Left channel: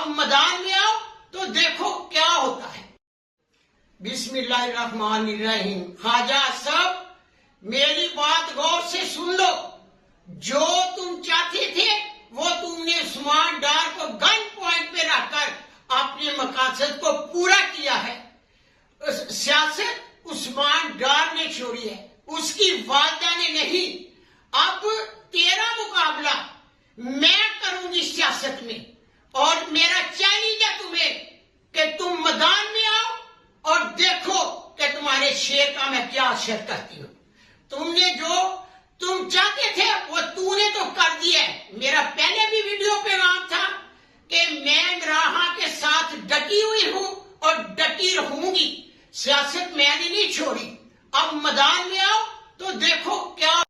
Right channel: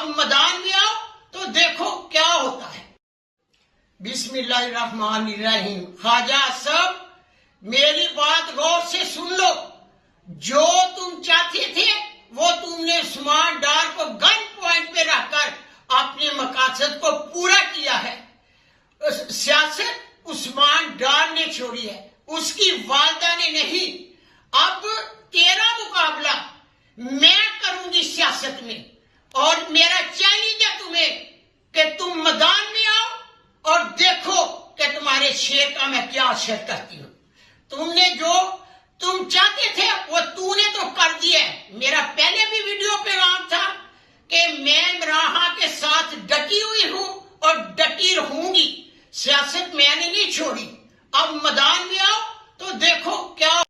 اب میدان میں آؤ تو دیکھو کیا ہوتا ہے۔ بسم اللہ الرحمن الرحیم۔ خواجہ صاحب میری بات غور سے سن لو، جو تم چاہتے تھے وہ تم نے عثمان ڈار کو گن پوائنٹ پہ رکھ کر اپنے مقاصد کو پورا کیا ہے۔ سیاست عثمان ڈار نے چھوڑی ہے، اس کی والدہ نے نہیں۔ اب تیرا مقابلہ میں کروں گی سیاست میں، اور میرا چیلنج ہے تمہیں کہ تم میدان میں آؤ اور دیکھو کہ تمہارے شیر کا میں کیا اثر کرتی ہوں۔ تم نے جو تم چاہتے تھے وہ تو نے تو کر دیا ہے۔ میرا پہلے بھی ویڈیو پیغام تھا کہ میں عمران کے ساتھ ڈٹی ہوئی ہوں اور ڈٹی رہوں گی، سیاست میں نے نہیں چھوڑی۔ اب میدان میں آؤ